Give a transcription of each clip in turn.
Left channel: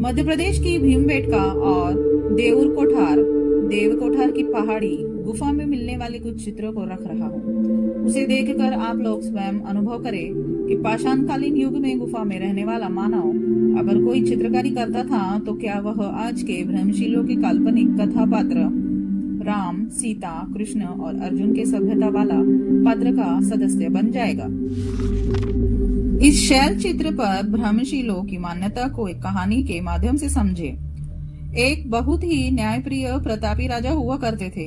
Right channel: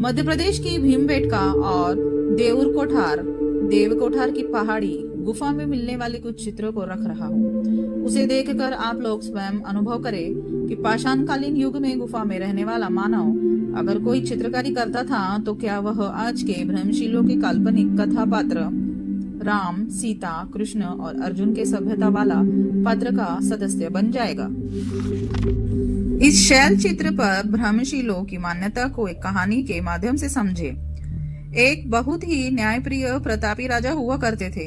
मध्य प्रदेश की भीमबेटका और देऊर कोठार देव कोठार की पहाड़ी गुफा में मिलने वाले कुछ चित्रों को रख रहा हूँ। उसे देखकर आप लोग स्वयं अनुभव करें कि पाषाणकालीन युग में गुफा में रहने वाला मानव अगर कोई चित्रकारी करता था तो क्या वह आज के भ्रमशीलों के काल्पनिक कथा पात्र राम, सीता, कृष्ण और अर्जुन के सभ्यता वाला पात्र का सदस्य बन जाएगा। इस शैल चित्र पर भ्रमशीलों की मान्यता को एक कहानी के माध्यम से समझे। एक बहुत ही न्यायप्रिय प्रतापी राजा हुआ करते थे।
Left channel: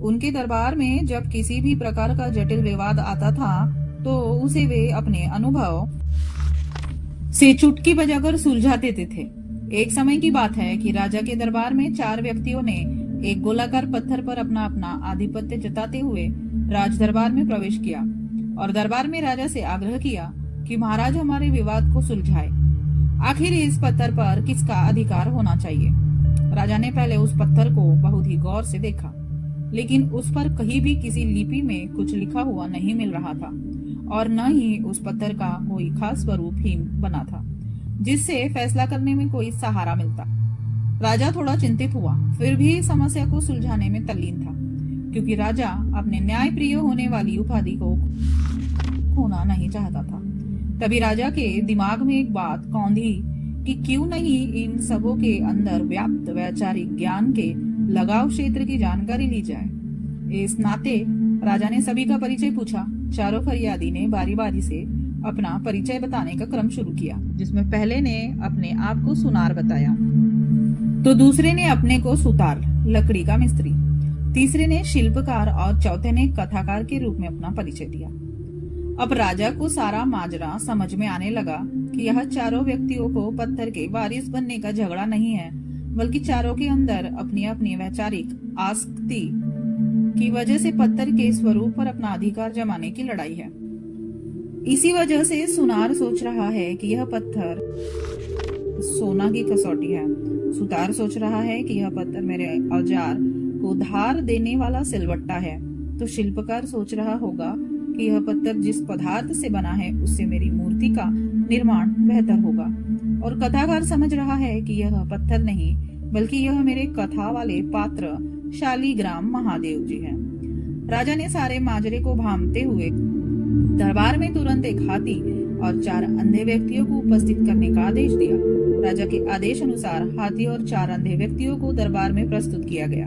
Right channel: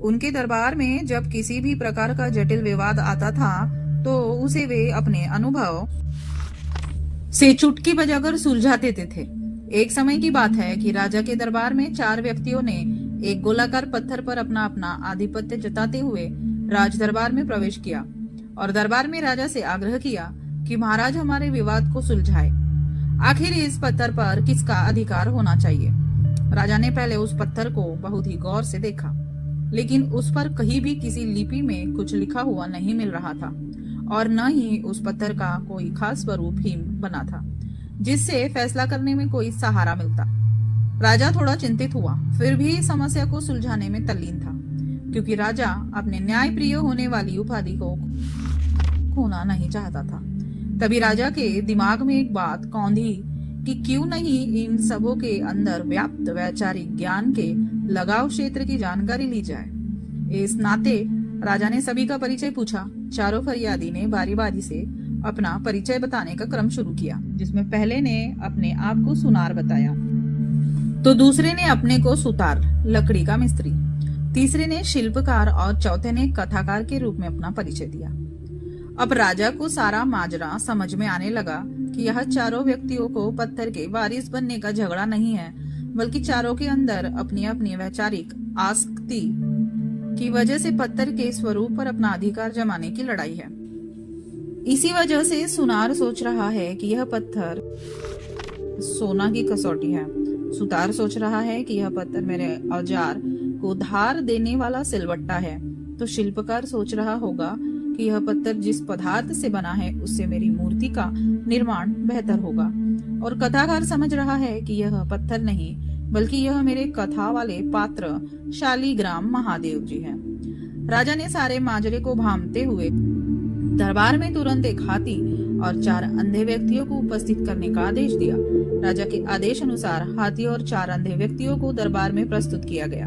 उनके दरबार में जब किसी भी प्रकार का जटिल विवाद आता था तो उसे वे अपने अनुभव से चुटकी बजाकर सुलझा देते थे। एक समय की बात है कि राजा के दरबार में 4 व्यक्तियों ने एक गोलाकार पत्थर पर अपना अपना आधिपत्य जताते हुए राज दरबार में प्रवेश किया और दरबार में राजा से आग्रह किया कि महाराज हमारे विवाद को सुलझाए। आखिर इस पत्थर पर किसका अधिकार होना चाहिए? राजा ने पहले उस पत्थर को बहुत ही गौर से देखा, लेकिन उस पर कहीं भी किसी लिपि में कुछ लिखा हुआ नहीं मिल रहा था और न ही उस पत्थर का कोई खास स्वरूप ही बना था जिससे फैसला करने में कोई सहारा मिलता। राजा थोड़ा चिंतित हुआ, फिर भी समस्या को सुलझाने में तल्लीन था, क्योंकि राजा अपने न्यायप्रिय होने वाली उपाधि को खोना नहीं चाहता था। तभी राजा के दिमाग में एक बात कौंधी कि क्यों नहीं इन सबों के अंदर व्याप्त वैचारिक ज्ञान के लगाव क्षेत्र की जानकारी ली जाए। इस नाते राजा ने सभी का परिचय पूछा। चारों फरियादी ने बारी बारी से अपना परिचय बताने का क्रम शुरू किया, जिसमें पहले ने अपने आप को सुनार बताया, तो दूसरे ने अपने को सुतार, लकड़ी का मिस्त्री, तीसरे ने शिल्पकार और चौथे ने कथाकार के रूप में अपना परिचय दिया। अब राजा को सारा माजरा समझ में आने लगा कि यह चारों व्यक्तियों को पत्थर के वारिस बनने का झगड़ा नहीं है, बल्कि चारों के अंदर अपनी अपनी वैचारिक आसक्ति की वजह से पत्थर के स्वरूप पर अपना अधिकार जमाने की लड़ाई है। इसी वजह से सुनार सोच रहा है कि यह पत्थर सोना की कसौटी है, सुतार सोच रहा है कि यह पत्थर मेरे औजार को धार देने वाला सिलवट्टा है, तो शिल्पकार सोच रहा होगा कि यह पत्थर जिस पदार्थ से बना है उससे मेरी मूर्ति का निर्माण बेहतर होगा, और कथाकार समझ रहा है कि यह पत्थर नहीं बल्कि यह मेरे कथा वाले पात्र शालीग्राम महादेव जी हैं। राजा ने सारे माजरे को भांपते हुए दरबार में तुरंत एक हाथी और 4 अंधे व्यक्तियों को उपस्थित करने का आदेश दिया। राजा के आदेश अनुसार हाथी और 4 अंधे व्यक्तियों को दरबार में प्रस्तुत किया गया।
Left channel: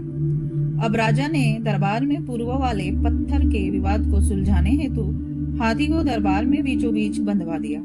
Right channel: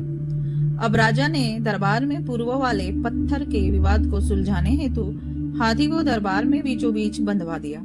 अब राजा ने दरबार में पूर्व वाले पत्थर के विवाद को सुलझाने हेतु हाथी को दरबार में बीचों बीच बंधवा दिया।